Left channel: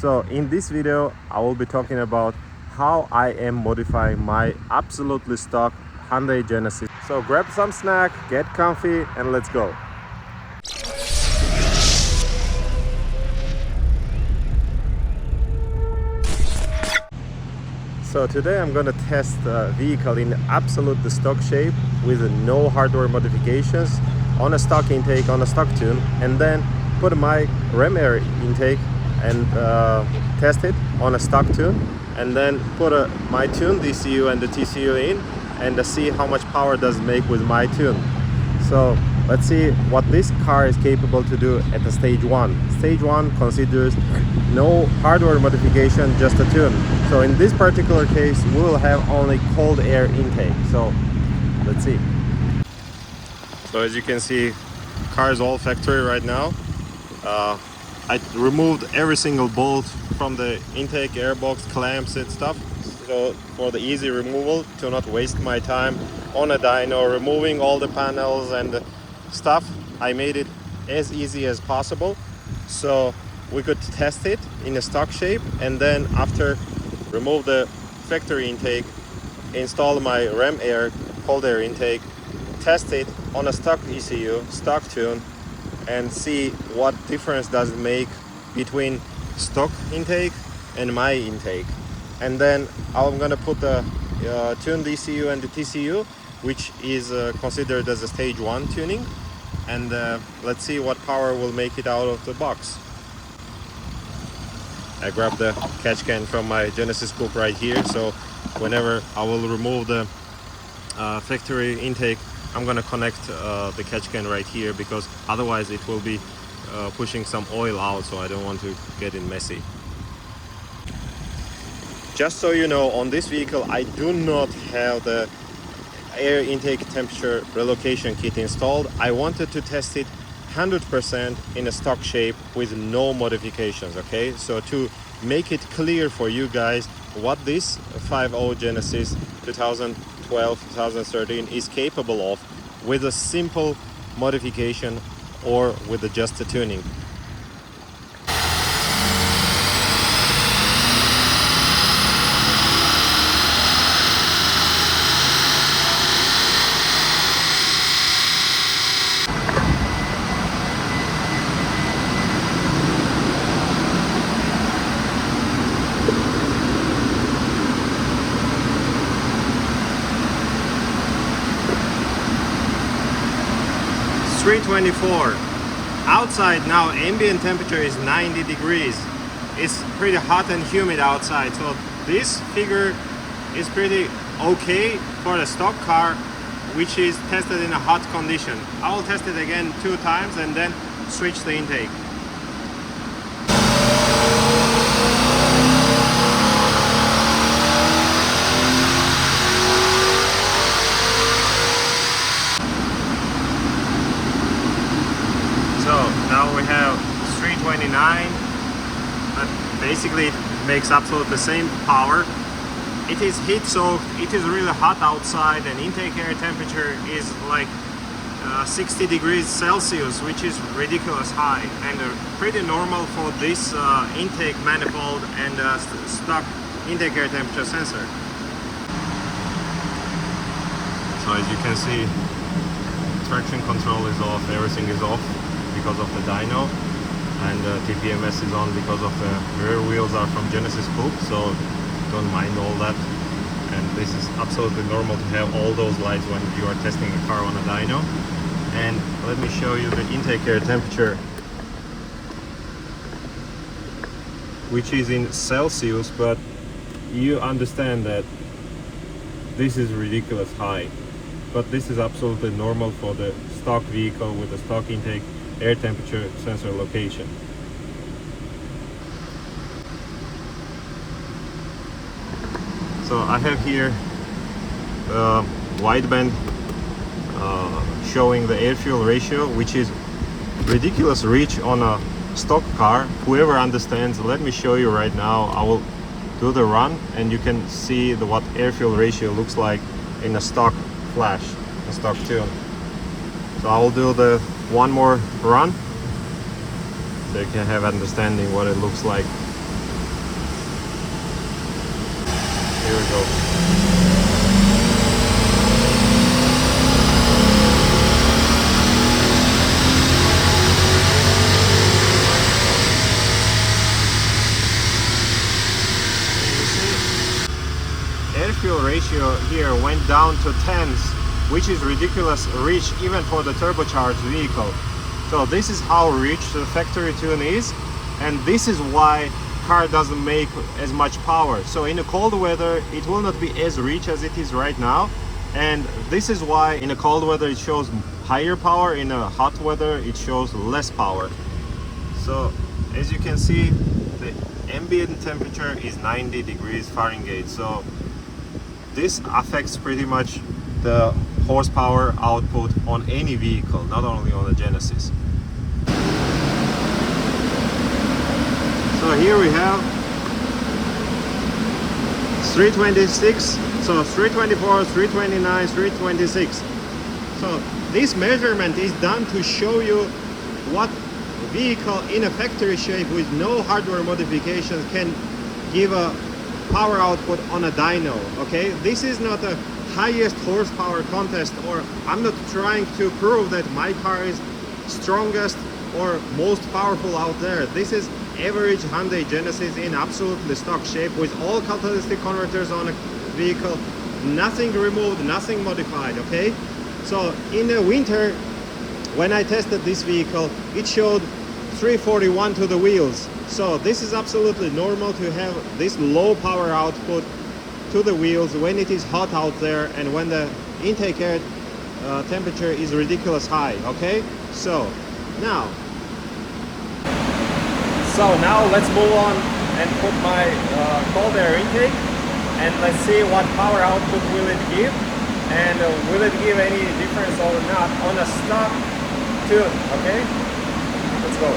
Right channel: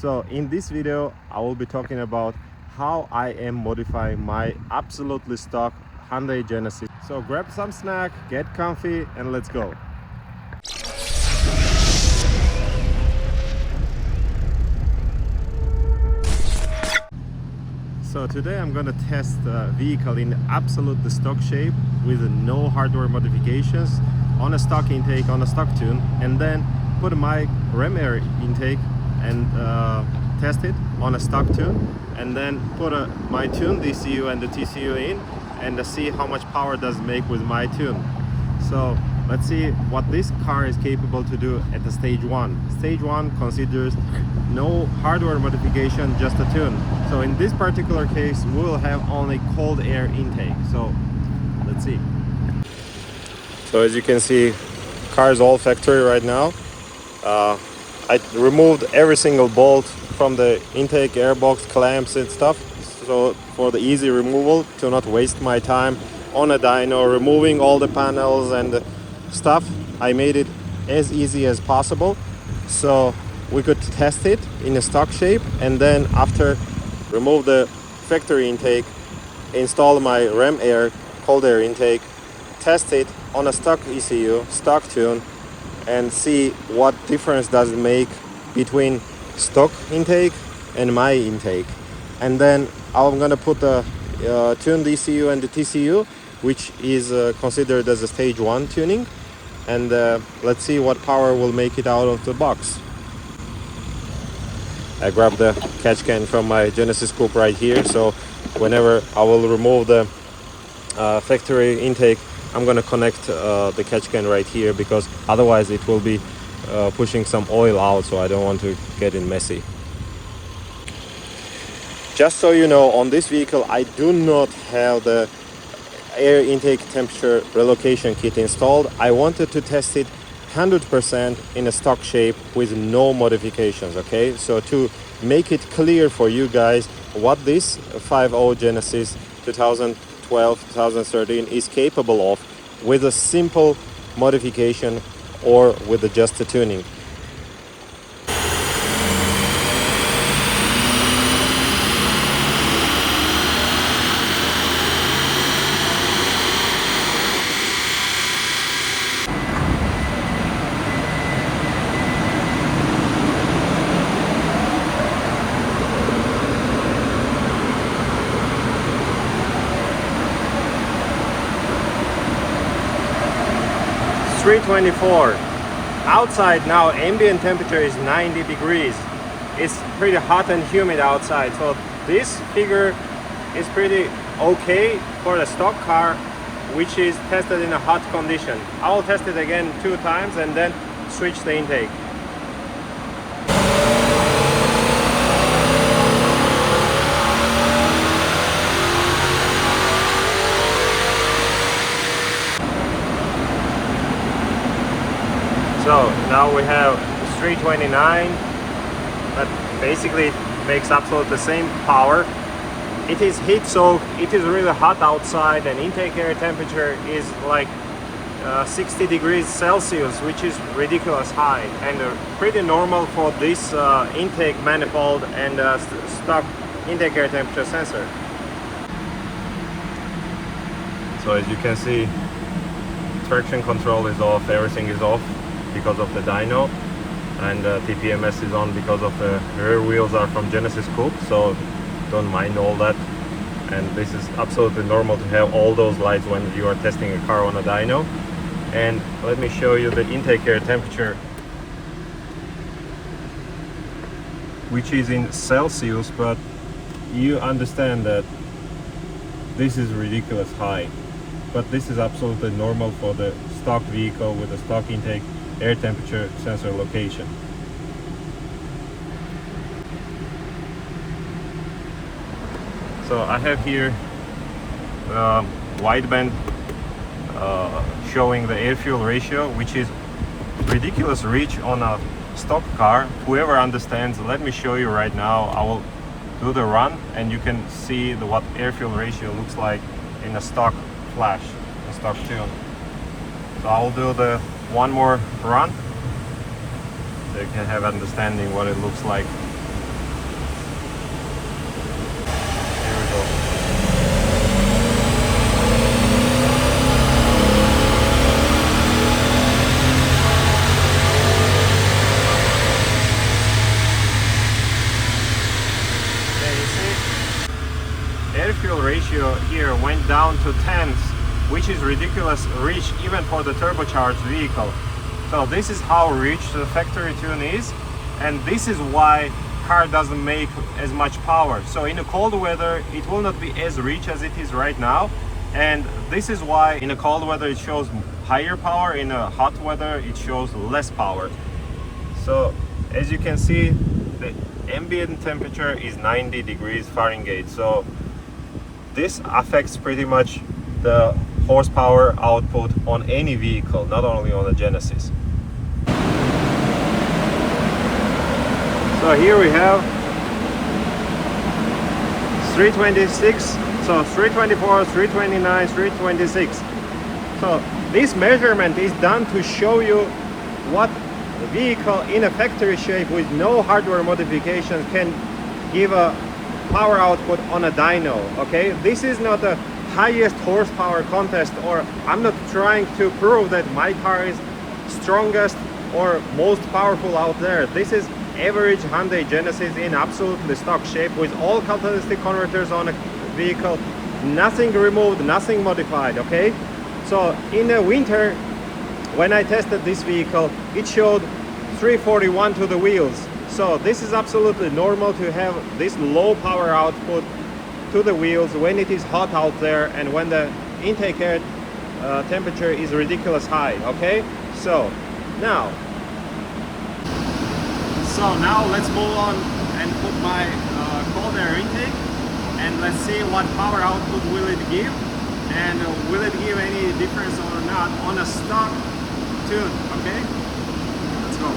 So in this video I will be talking about how I am modifying my absolutely stock Hyundai Genesis. So grab some snack, get comfy, and let's go. So today I'm gonna test the vehicle in absolute stock shape with no hardware modifications on a stock intake, on a stock tune, and then put my ram air intake and test it on a stock tune, and then put my tune DCU and the TCU in and see how much power does it make with my tune. So let's see what this car is capable to do at the stage 1. Stage 1 considers no hardware modification, just a tune. So in this particular case we'll have only cold air intake. So let's see. So as you can see, car is all factory right now. I removed every single bolt from the intake airbox, clamps and stuff, so for the easy removal, to not waste my time on a dyno removing all the panels and stuff. I made it as easy as possible so we could test it in a stock shape, and then after remove the factory intake, install my ram air cold air intake, test it on a stock ECU, stock tune, and see what difference does it make between stock intake and my intake. And then I'm gonna put the tuned ECU and the TCU, which is considered as a stage 1 tuning, and let's see what power will make it out of the box. I grabbed the catch can from my Genesis Coupe right here, so whenever I will remove the factory intake, I'm gonna connect the catch can right here, because otherwise it will be pushing some oil out, so I don't want to get it messy. Just so you know, on this vehicle I do not have the air intake temperature relocation kit installed. I wanted to test it 100% in a stock shape with no modifications, okay? So to make it clear for you guys what this 5.0 Genesis 2012-2013 is capable of with a simple modification or with just a tuning. It's 324. Outside now ambient temperature is 90 degrees. It's pretty hot and humid outside, so this figure is pretty okay for the stock car, which is tested in a hot condition. I will test it again 2 times and then switch the intake. So now we have 329, that basically makes absolutely the same power. It is heat soaked, it is really hot outside, and intake air temperature is like 60 degrees Celsius, which is ridiculous high and pretty normal for this intake manifold and stock intake air temperature sensor. So as you can see, traction control is off, everything is off because of the dyno, and TPMS is on because of the rear wheels are from Genesis Coupe, so don't mind all that. And this is absolutely normal to have all those lights when you are testing a car on a dyno. And let me show you the intake air temperature, which is in Celsius, but you understand that this is ridiculous high, but this is absolutely normal for the stock vehicle with a stock intake air temperature sensor location. So I have here wideband showing the air fuel ratio, which is ridiculous rich on a stock car. Whoever understands, let me show you right now. I will do the run and you can see what air fuel ratio looks like in a stock flash, a stock tune. So I will do the one more run so you can have understanding what it looks like Here we go. Air fuel ratio here went down to 10s, which is ridiculous rich even for the turbocharged vehicle. So this is how rich the factory tune is, and this is why car doesn't make as much power. So in a cold weather it will not be as rich as it is right now, and this is why in a cold weather it shows higher power, in a hot weather it shows less power. So as you can see, the ambient temperature is 90 degrees Fahrenheit, so this affects pretty much the horsepower output on any vehicle, not only on the Genesis. So here we have 326, so 324, 329, 326. So this measurement is done to show you what vehicle in a factory shape with no hardware modifications can give a power output on a dyno. Okay, this is not a highest horsepower contest, or I'm not trying to prove that my car is strongest or most powerful out there. This is average Hyundai Genesis in absolutely stock shape with all catalytic converters on a vehicle, nothing removed, nothing modified. Okay, so in the winter when I tested this vehicle, it showed 341 to the wheels. So this is absolutely normal to have this low power output to the wheels when it is hot out there and when the intake air temperature is ridiculous high. Okay, so now let's move on and put my cold air intake, and let's see what power output will it give, and will it give any difference or not on a stock tune. Okay, let's go.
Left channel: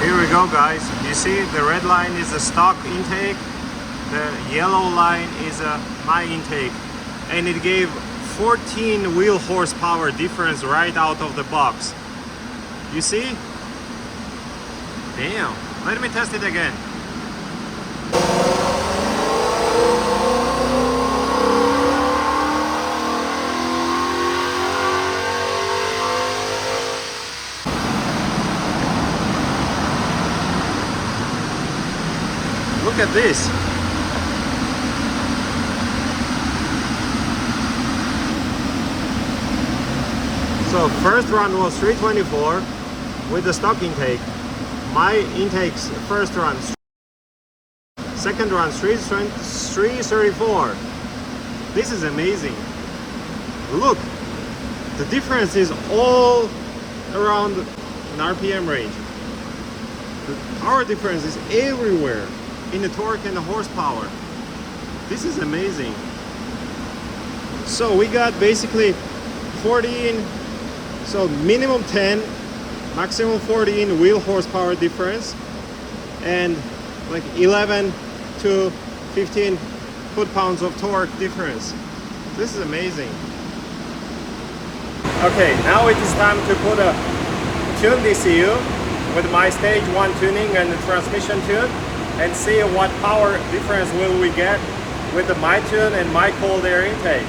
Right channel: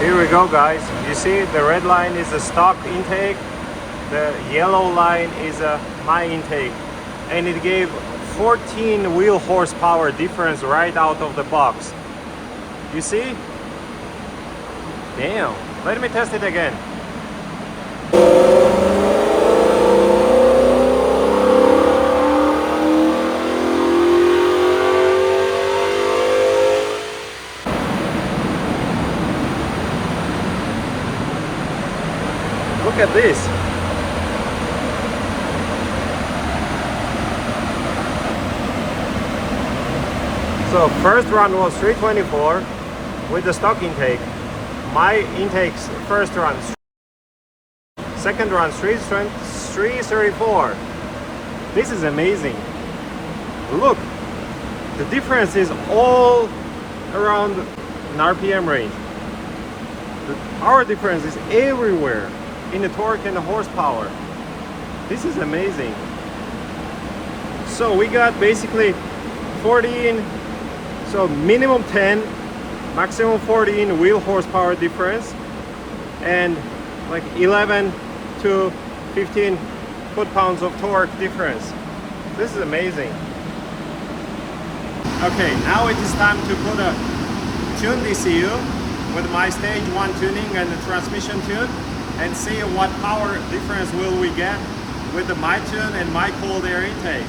Here we go, guys. You see the red line is the stock intake, the yellow line is my intake, and it gave 14 wheel horsepower difference right out of the box. You see? Damn. Let me test it again. Look at this. So first run was 324 with the stock intake. My intakes first run, second run 334. This is amazing. Look, the difference is all around an RPM range. The power difference is everywhere in the torque and the horsepower. This is amazing. So we got basically 14, so minimum 10, maximum 14 wheel horsepower difference, and like 11 to 15 foot-pounds of torque difference. This is amazing. Okay, now it is time to put a tune DCU with my stage 1 tuning and the transmission tune, and see what power difference will we get with the my tune and my cold air intake.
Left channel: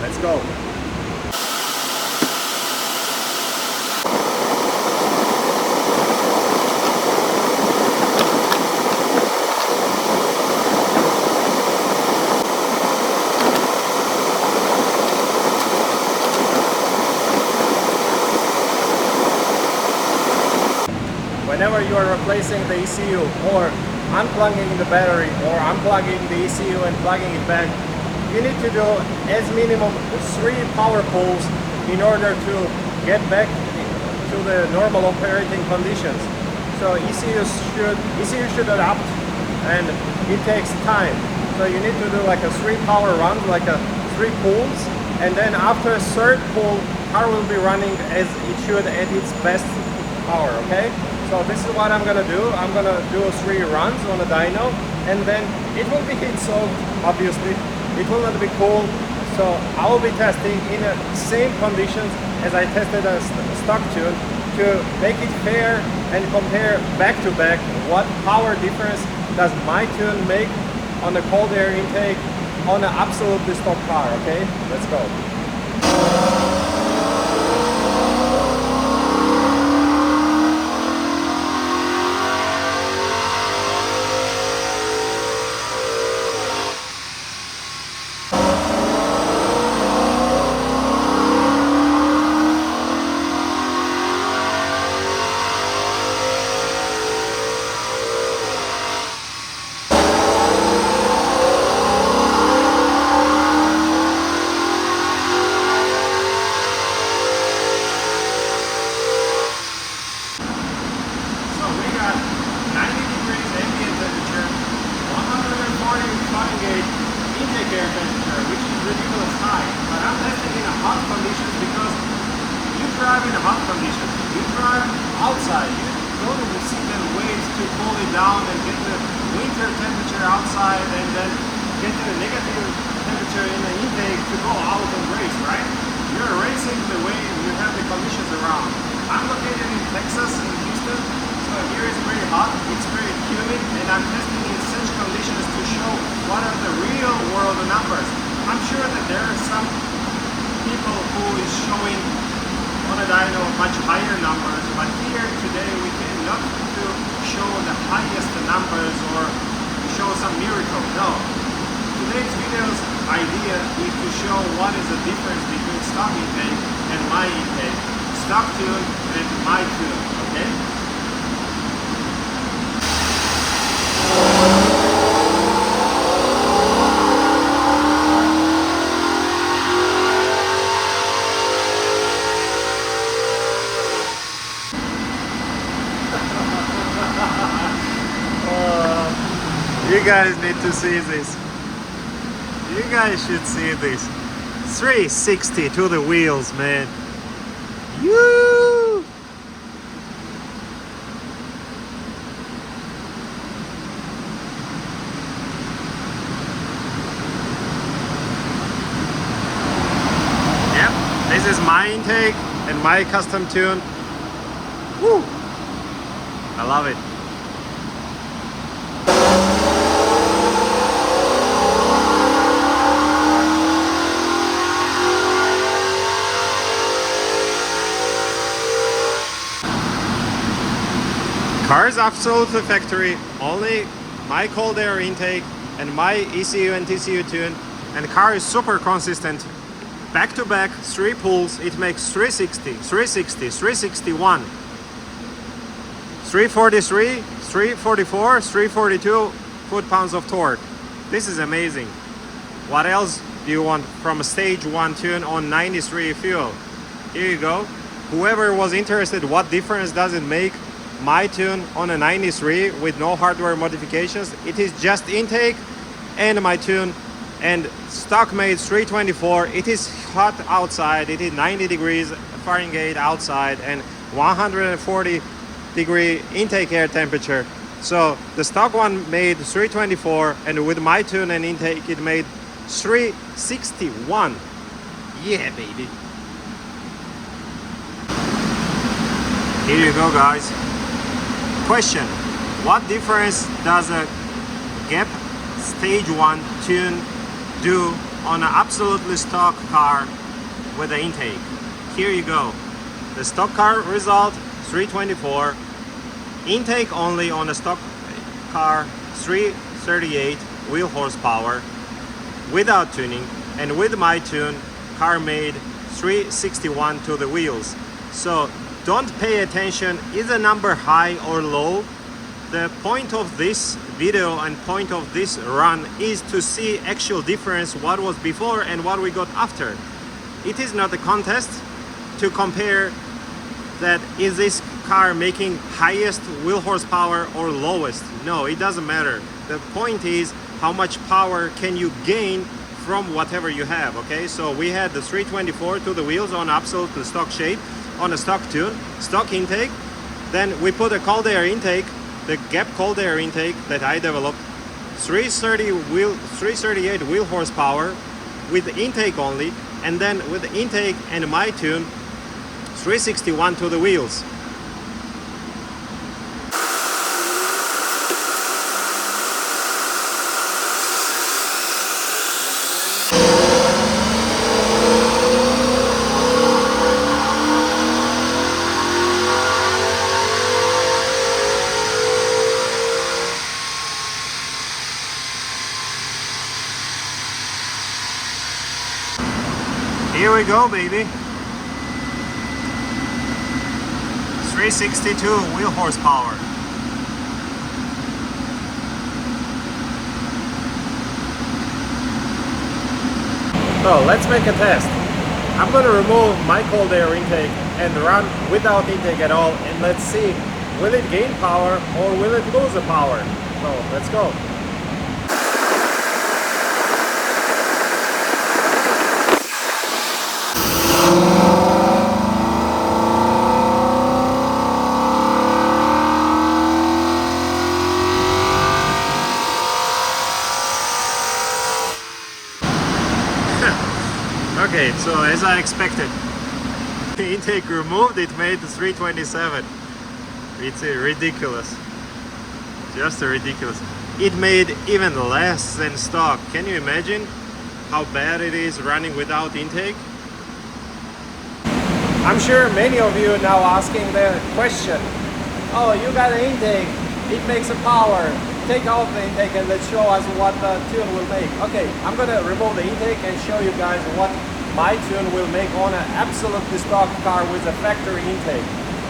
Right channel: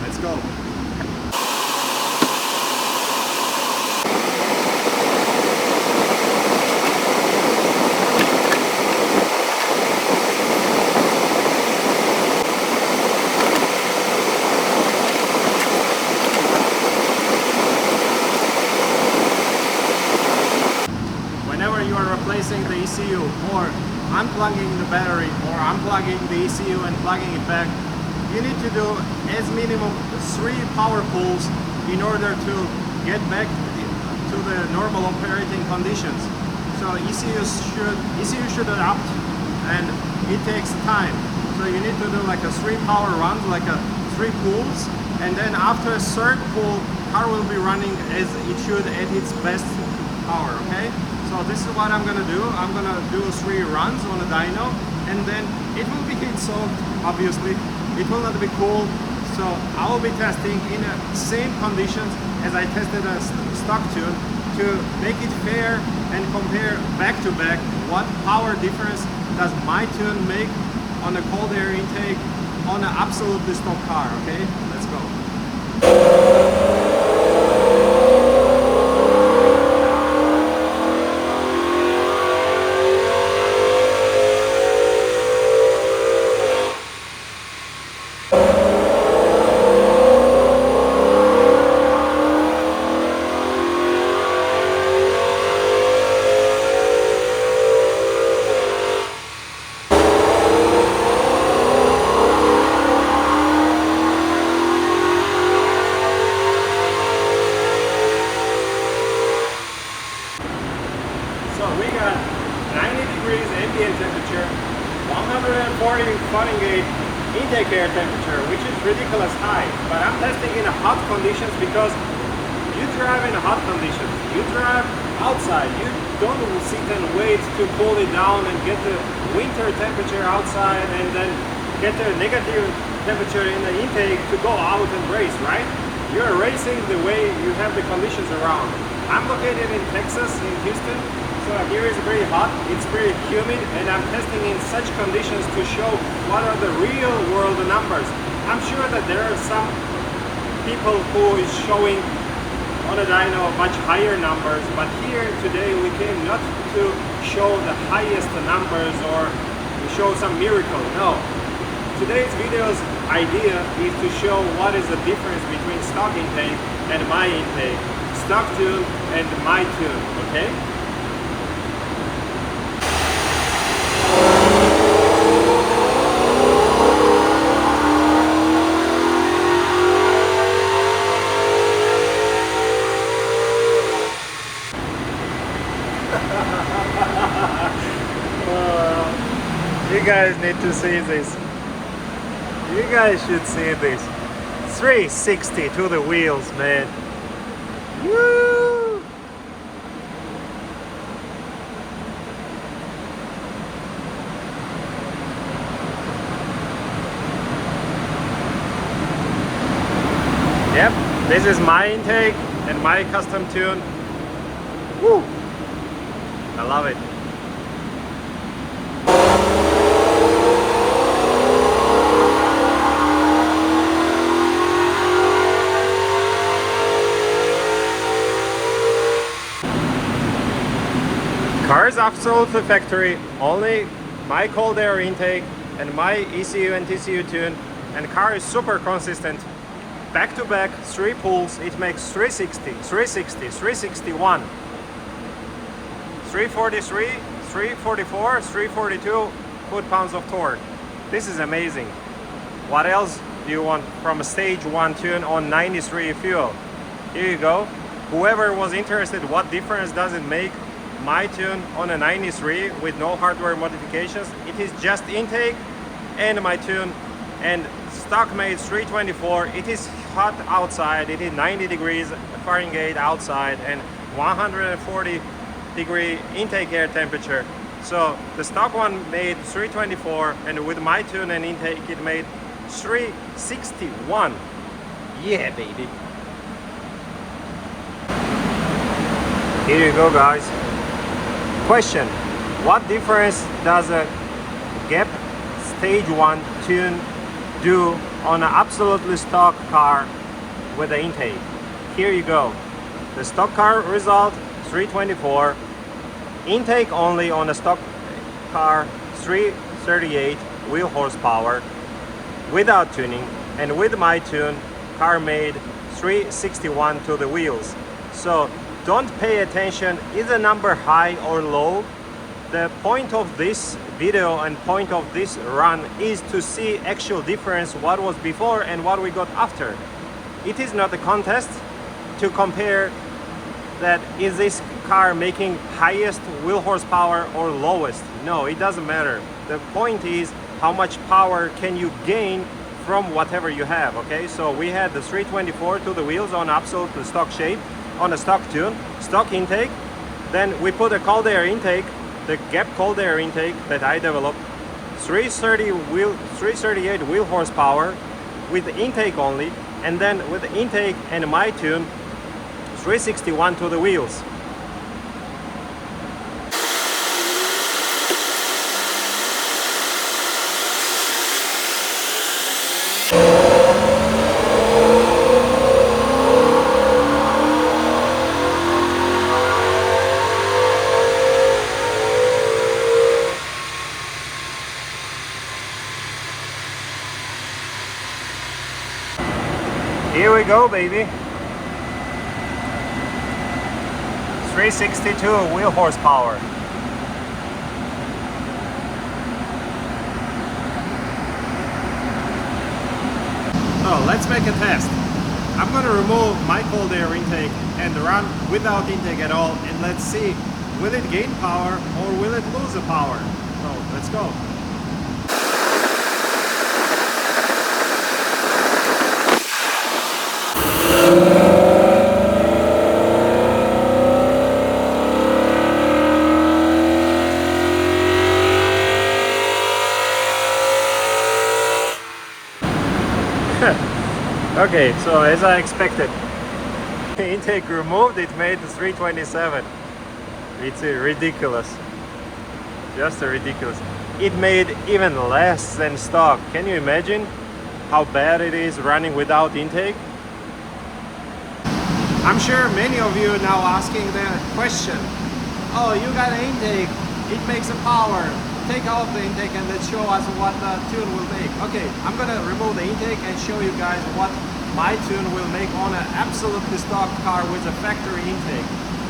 Let's go. whenever you are replacing the ECU or unplugging the battery or unplugging the ECU and plugging it back, you need to do as minimum 3 power pulls in order to get back to the normal operating conditions. So ECU should adapt, and it takes time. So you need to do like a 3 power runs, like a 3 pulls, and then after a third pull, car will be running as it should at its best power. Okay, so this is what I'm gonna do. I'm gonna do 3 runs on a dyno, and then it will be heat soaked, obviously. It will not be cool, so I will be testing in the same conditions as I tested a stock tune to make it fair and compare back to back what power difference does my tune make on a cold air intake on an absolutely stock car. Okay, let's go. So we got 90 degrees ambient temperature, 140 Fahrenheit intake air temperature, which is ridiculous high. But I'm testing in a hot conditions because you drive in a hot condition. You drive outside. You don't sit and wait to cool it down and get the winter temperature outside and then get the negative temperature in the intake to go out and race, right? You're racing the way you have the conditions around. I'm located in Texas, in Houston. So here is pretty hot, it's pretty humid, and I'm testing in such conditions to show what are the real world numbers. I'm sure that there are some people who is showing on a dyno much higher numbers, but here today we came not to show the highest numbers or show some miracle. No. Today's video's idea is to show what is the difference between stock intake and my intake, stock tune and my tune, okay? You guys need to see this. You guys should see this. 360 to the wheels, man. Woo! Yep, this is my intake and my custom tune. Woo! I love it. Car is absolutely factory, only my cold air intake and my ECU and TCU tune, and car is super consistent. Back to back, 3 pulls, it makes 360, 360, 361, 343, 344, 342 foot-pounds of torque. This is amazing. What else do you want from a stage 1 tune on 93 fuel? Here you go. Whoever was interested, what difference does it make? My tune on a 93 with no hardware modifications. It is just intake and my tune, and stock made 324. It is hot outside. It is 90 degrees Fahrenheit outside and 140 degree intake air temperature. So the stock one made 324, and with my tune and intake it made 361. Yeah, baby. Here you go, guys. Question: what difference does a GEP stage 1 tune do on an absolutely stock car with the intake? Here you go. The stock car result 324, intake only on a stock car 338 wheel horsepower without tuning, and with my tune car made 361 to the wheels. So don't pay attention, is the number high or low. The point of this video and point of this run is to see actual difference, what was before and what we got after. It is not a contest to compare that is this car making highest wheel horsepower or lowest. No, it doesn't matter. The point is how much power can you gain from whatever you have. Okay, so we had the 324 to the wheels on absolutely stock shape, on a stock tune, stock intake. Then we put a cold air intake, the GEP cold air intake that I developed, 338 wheel horsepower with the intake only, and then with the intake and my tune, 361 to the wheels. Here we go, baby. 362 wheel horsepower. So let's make a test. I'm gonna remove my cold air intake and run without intake at all, and let's see, will it gain power or will it lose the power? So let's go. Okay, so as I expected, intake removed, it made 327. It's ridiculous, just ridiculous. It made even less than stock. Can you imagine how bad it is running without intake? I'm sure many of you are now asking the question, oh, you got an intake, it makes a power, take out the intake and let's show us what the tune will make. Okay, I'm gonna remove the intake and show you guys what my tune will make on an absolutely stock car with a factory intake.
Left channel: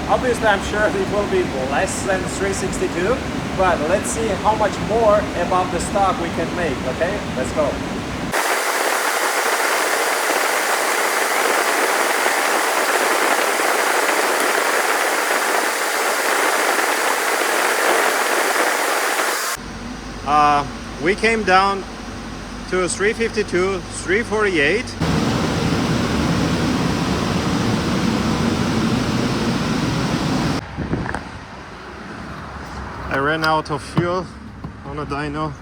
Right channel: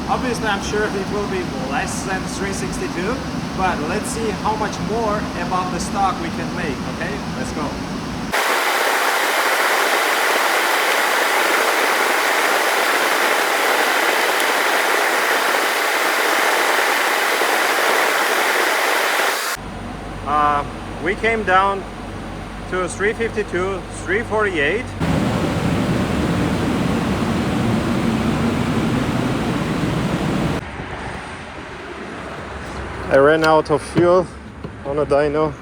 Obviously, I'm sure it will be less than 362, but let's see how much more above the stock we can make. Okay, let's go. We came down to 352, 348. I ran out of fuel on a dyno,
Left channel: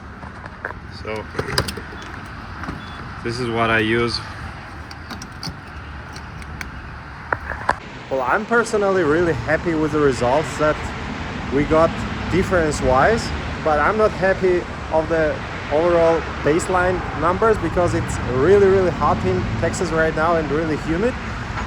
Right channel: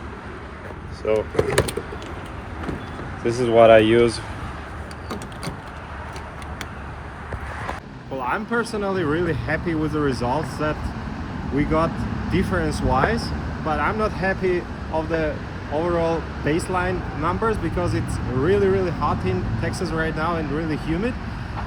so this is what I use. Well, I'm personally really happy with the results that we got difference-wise, but I'm not happy of the overall baseline numbers because it's really hot in Texas right now and really humid.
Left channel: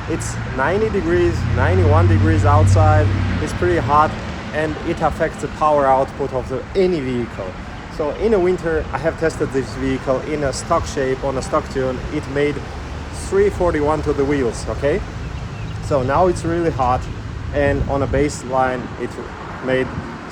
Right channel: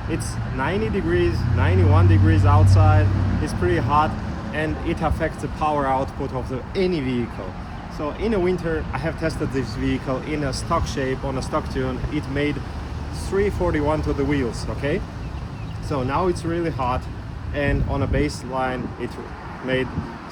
It's 90 degrees, 91 degrees outside. It's pretty hot and it affects the power output of any vehicle. So in the winter, I have tested this vehicle in a stock shape on a stock tune. It made 341 to the wheels, okay? So now it's really hot, and on a baseline, it made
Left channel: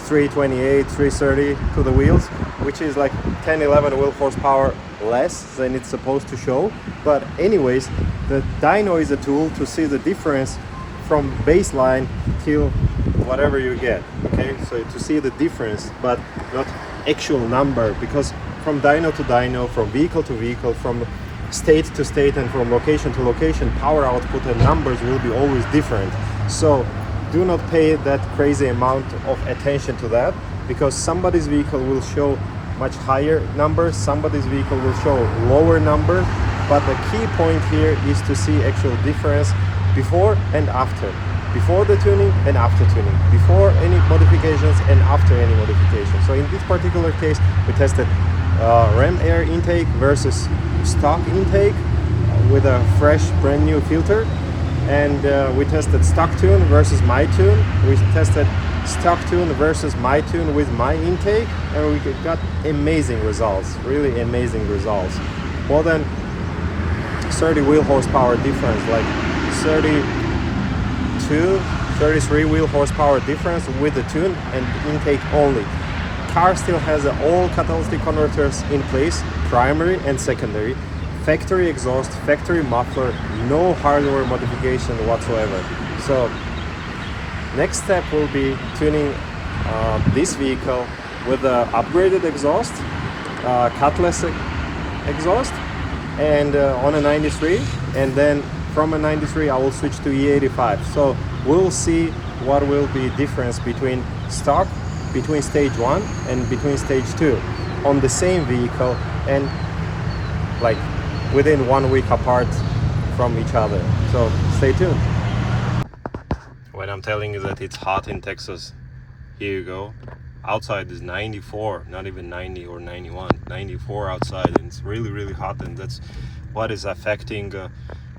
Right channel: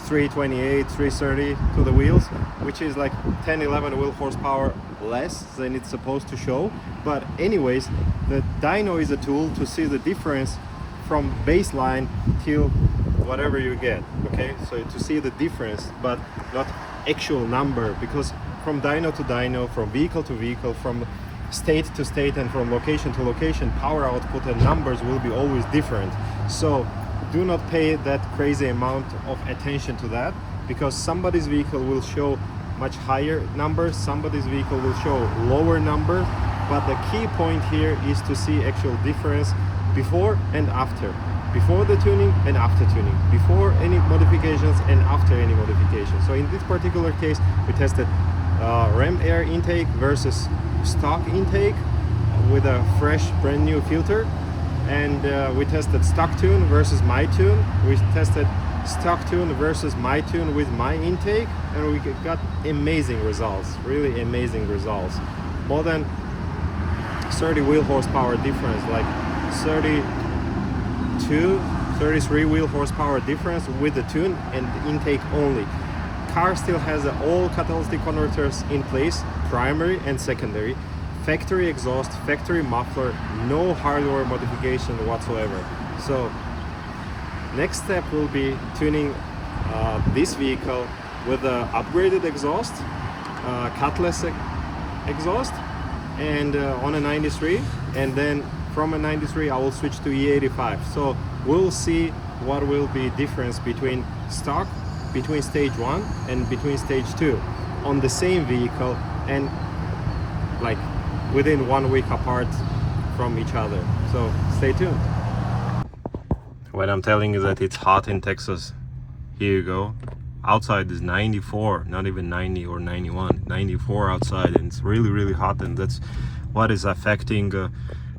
328, 330 to the wheels, which is like 10, 11 wheel horsepower less than it's supposed to show. But anyways, the dyno is a tool to see the difference from baseline till whatever you get, okay? So to see the difference, but not actual number, because from dyno to dyno, from vehicle to vehicle, from state to state, and from location to location, power output and numbers will be always different. So do not pay that crazy amount of attention to that, because somebody's vehicle will show much higher numbers, somebody's vehicle will show lower number, but the key point here is to see actual difference before and after. Before the tuning and after tuning, before any modifications and after any modifications. So in this particular case, we tested ram air intake versus stock intake with a fresh brand new filter, and we tested stock tune versus my tune. We tested stock tune versus my tune with my intake, and we got amazing results, really amazing results. More than 30 wheel horsepower difference, like 32, 33 wheel horsepower difference with the tune and intake only. Car still has all catalytic converters in place, primary and secondary, factory exhaust, factory muffler, no hardware modification whatsoever. So next step will be tuning this vehicle with the upgraded exhaust, cutless exhaust, and on a 93, and then from a 93 I will switch to E85. So we'll see what will be difference between stock, between stage 1 and between stage 2 on the same vehicle, and like within 1 week apart from each other. So stay tuned. When I'm telling you that it's hot in Texas, here you go. Outside is 94, not even 90 or 91, 94 outside, and it's really hot, and that's what is affecting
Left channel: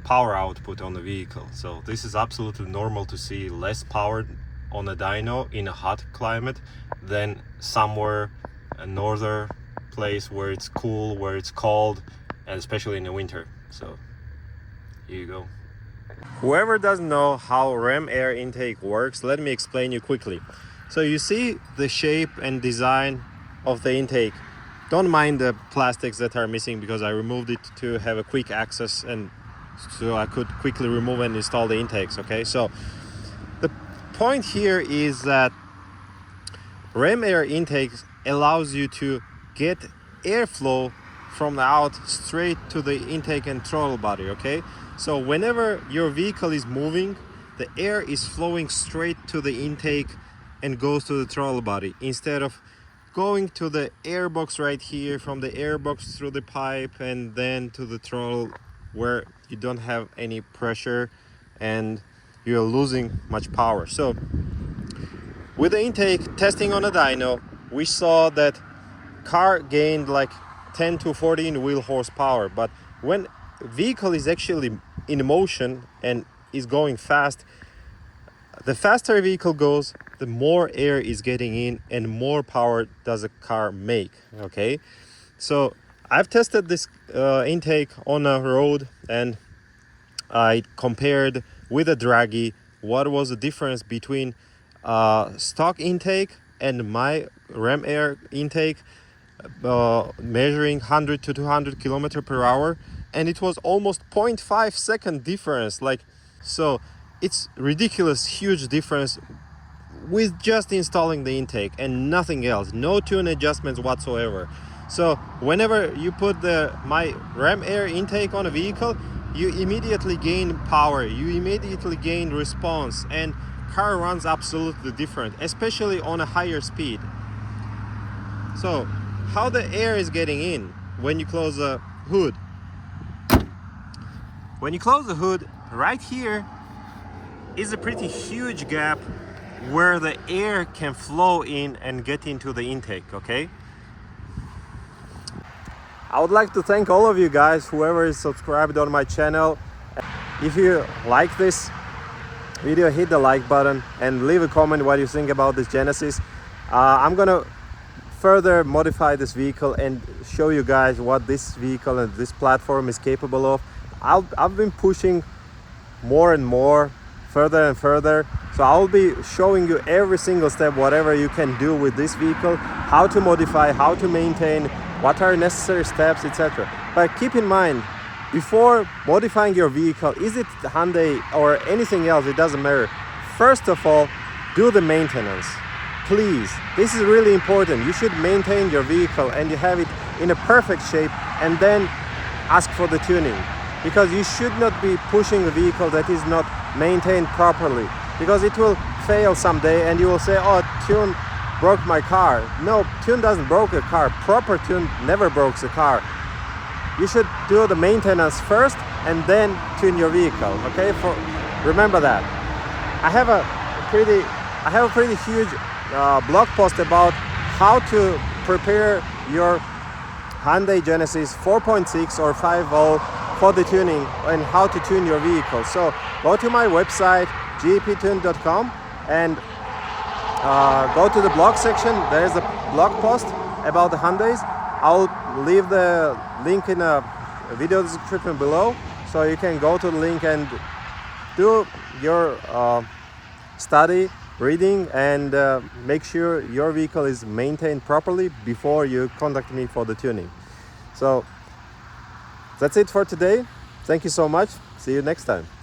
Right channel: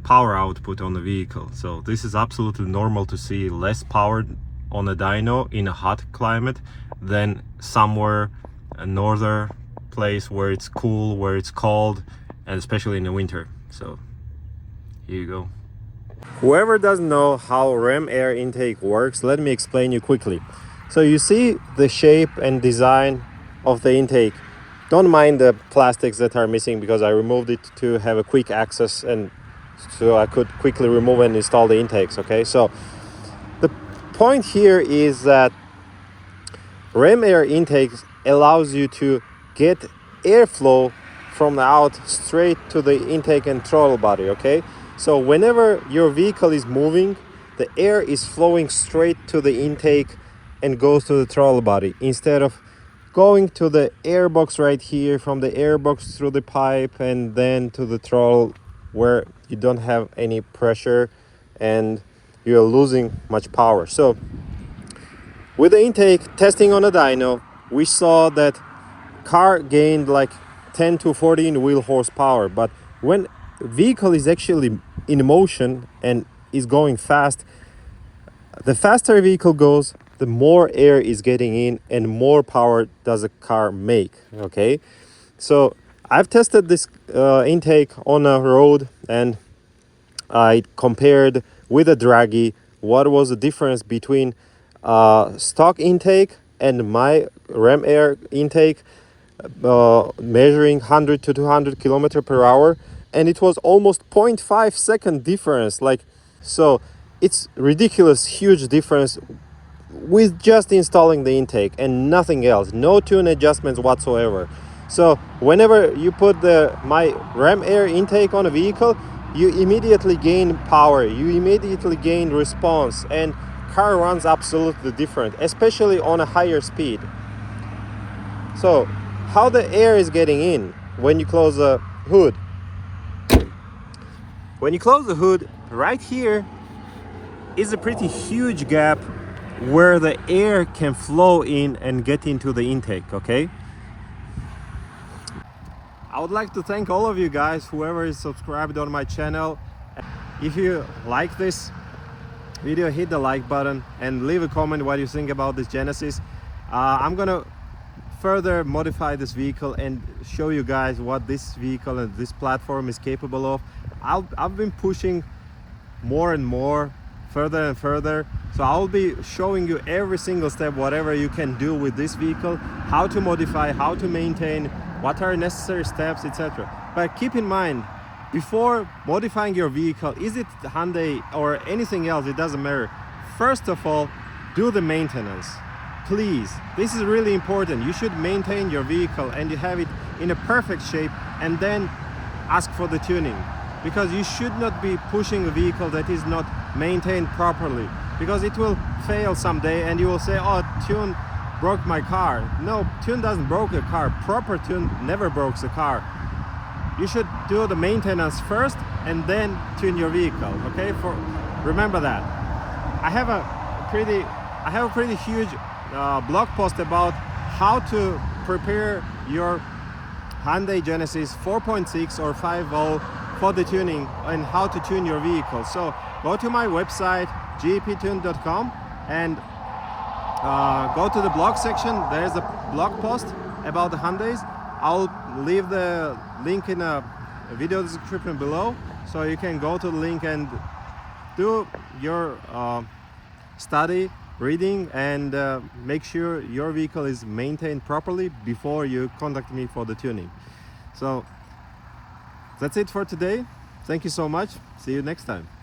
power output on the vehicle. So this is absolutely normal to see less power on a dyno in a hot climate than somewhere a northern place where it's cool, where it's cold, and especially in the winter. So here you go. Whoever doesn't know how ram air intake works, let me explain you quickly. So you see the shape and design of the intake. Don't mind the plastics that are missing, because I removed it to have a quick access, and so I could quickly remove and install the intakes. Okay, so the point here is that ram air intake allows you to get airflow from the out straight to the intake and throttle body. Okay, so whenever your vehicle is moving, the air is flowing straight to the intake and goes to the throttle body, instead of going to the air box right here, from the air box through the pipe and then to the throttle, where you don't have any pressure and you're losing much power. So with the intake testing on a dyno, we saw that car gained like 10 to 14 wheel horsepower, but when vehicle is actually in motion and is going fast, the faster a vehicle goes, the more air is getting in and more power does a car make. Okay, so I've tested this intake on a road, and I compared with a draggy what was the difference between stock intake and my ram air intake, measuring 100 to 200 kilometers per hour, and it was almost 0.5 second difference. Like, so it's ridiculous huge difference with just installing the intake and nothing else, no tune adjustments whatsoever. So whenever you put my ram air intake on a vehicle, you immediately gain power, you immediately gain response, and car runs absolutely different, especially on a higher speed. So how the air is getting in when you close the hood? When you close the hood, right here is a pretty huge gap where the air can flow in and get into the intake. Okay, I would like to thank all of you guys, whoever is subscribed on my channel. If you like this video, hit the like button and leave a comment what you think about this Genesis. I'm gonna further modify this vehicle and show you guys what this vehicle and this platform is capable of. I've been pushing more and more, further and further, so I'll be showing you every single step, whatever you can do with this vehicle, how to modify, how to maintain, what are necessary steps, etc. But keep in mind, before modifying your vehicle, is it Hyundai or anything else, it doesn't matter, first of all, do the maintenance. Please, this is really important. You should maintain your vehicle and you have it in a perfect shape, and then ask for the tuning, because you should not be pushing a vehicle that is not maintained properly, because it will fail someday and you will say, oh, tune broke my car. No, tune doesn't broke a car. Proper tune never breaks a car. You should do the maintenance first and then tune your vehicle. Okay, remember that. I have a pretty huge blog post about how to prepare your Hyundai Genesis 4.6 or 5.0 for the tuning and how to tune your vehicle. So go to my website GEPTUNED.com and go to the blog section. There's a blog post about the Hyundais. I'll leave the link in a video description below, so you can go to the link and do your study, reading, and make sure your vehicle is maintained properly before you contact me for the tuning. So that's it for today. Thank you so much. See you next time.